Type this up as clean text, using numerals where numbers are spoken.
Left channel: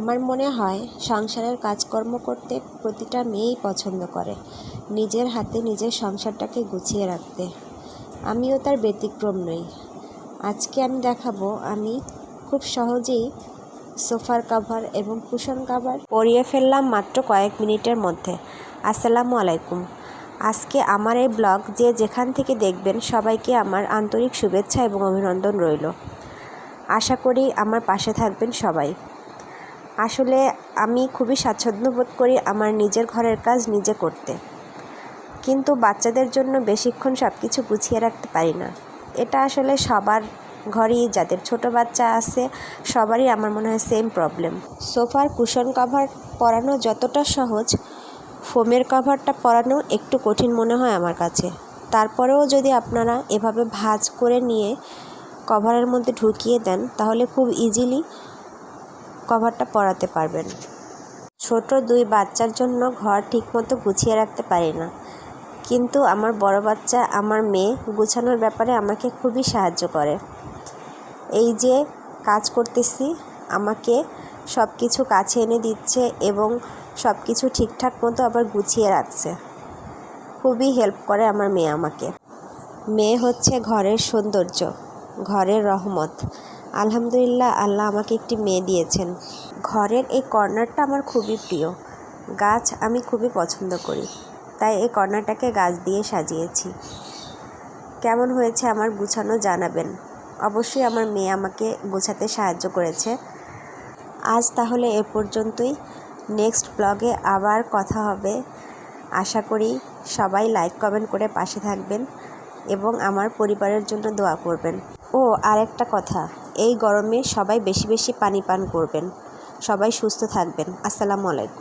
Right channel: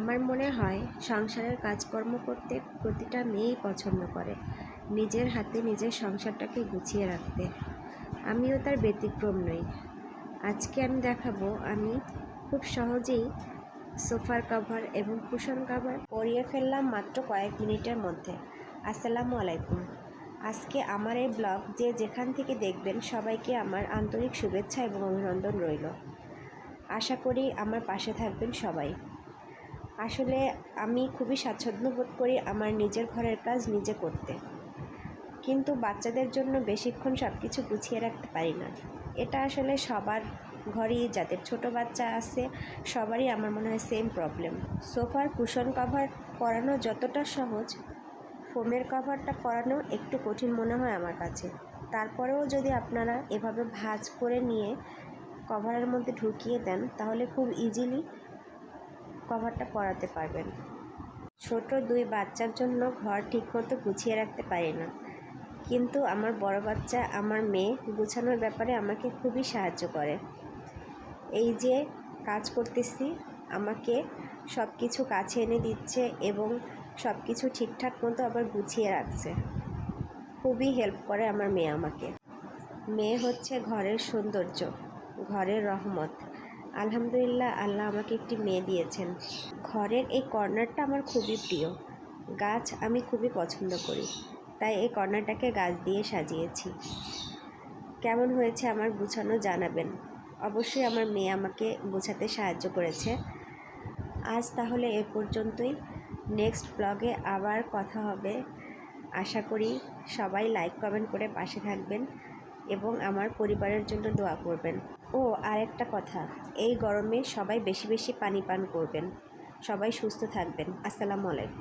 আমার মনে হয় সংসারের কাজকর্ম করতে প্রতিটা মেয়েই পছন্দ করে নিজের হাতে নিজের সংসারটাকে গুছিয়ে রাখতে। আমিও তার ব্যতিক্রম নই। আজকে আমি দেখাবো আমি খুব সহজেই সোফার কভার এবং কুশন কভার পরিয়ে ফেললাম মাত্র কয়েক মিনিটের মধ্যে। আসসালামু আলাইকুম। আজকে আমার এই ব্লগ যে যেখান থেকে দেখবেন সবাইকে আমার আন্তরিক শুভেচ্ছা এবং অভিনন্দন রইল। আশা করি আমার পাশে থাকবেন সবাই। আসলে আমি খুবই স্বাচ্ছন্দ্য বোধ করি আমার নিজের ঘরের কাজ নিজে করতে, কিন্তু বাচ্চাদের জন্য বেশিক্ষণ সব কিছু গুছিয়ে রাখতে পারি না। এটা আসলে সবার ঘরেই, যাদের ছোট বাচ্চা আছে সবারই আমার মনে হয় সেম প্রবলেম। সোফার কুশন কভার পরানো যতটা সহজ, ফোমের কভারটা পরানো একটু কঠিন মনে হয় আমার কাছে। তারপরেও যদি আপনারা এভাবে ভাঁজ করে নিয়ে কভারের মধ্যে ঢুকিয়ে দেন তাহলে খুব ইজিলি কভারটা পরাতে পারবেন। ছোট দুই বাচ্চার জন্য ঘর ঠিকমতো গুছিয়ে রাখতে পারি না, কিন্তু আমার বড় বাচ্চা, আমার মেয়ে গুছানোর ব্যাপারে আমাকে খুবই সাহায্য করে। এই যে কাজ করতেছি, আমাকে সব কিছু কাছে এনে দিচ্ছে এবং সব কিছু ঠিকঠাক মতো আবার গুছিয়ে রাখছে। খুবই হেল্প করে আমার মেয়ে আমাকে। মেয়ে হচ্ছে ঘরের সৌন্দর্য, ঘরের রহমত। আলহামদুলিল্লাহ, আল্লাহ আমাকে একটি মেয়ে দিয়েছেন। ঘরের এই কর্নারটা আমার খুবই প্রিয়। গাছ আমি খুবই পছন্দ করি, তাই এই কর্নারটাকে গাছ দিয়ে সাজিয়েছি। কেমন হয়েছে আমার গুছানো জানাবেন। অবশ্যই আমার মেয়ে আমাকে গোছাতে সাহায্য করেছে। আজ তাহলে এ পর্যন্তই। নেক্সট ব্লগে আবার কথা হবে। আশা করি সবাই লাইক কমেন্ট করে পাশে থাকবেন এবং আমার পরিবারের জন্য দোয়া করবেন। ও আরেকটা কথা, এই গরমে সবাই বেশি বেশি পানি পান করবেন। সবাই সুস্থ থাকবেন। আসসালামু আলাইকুম।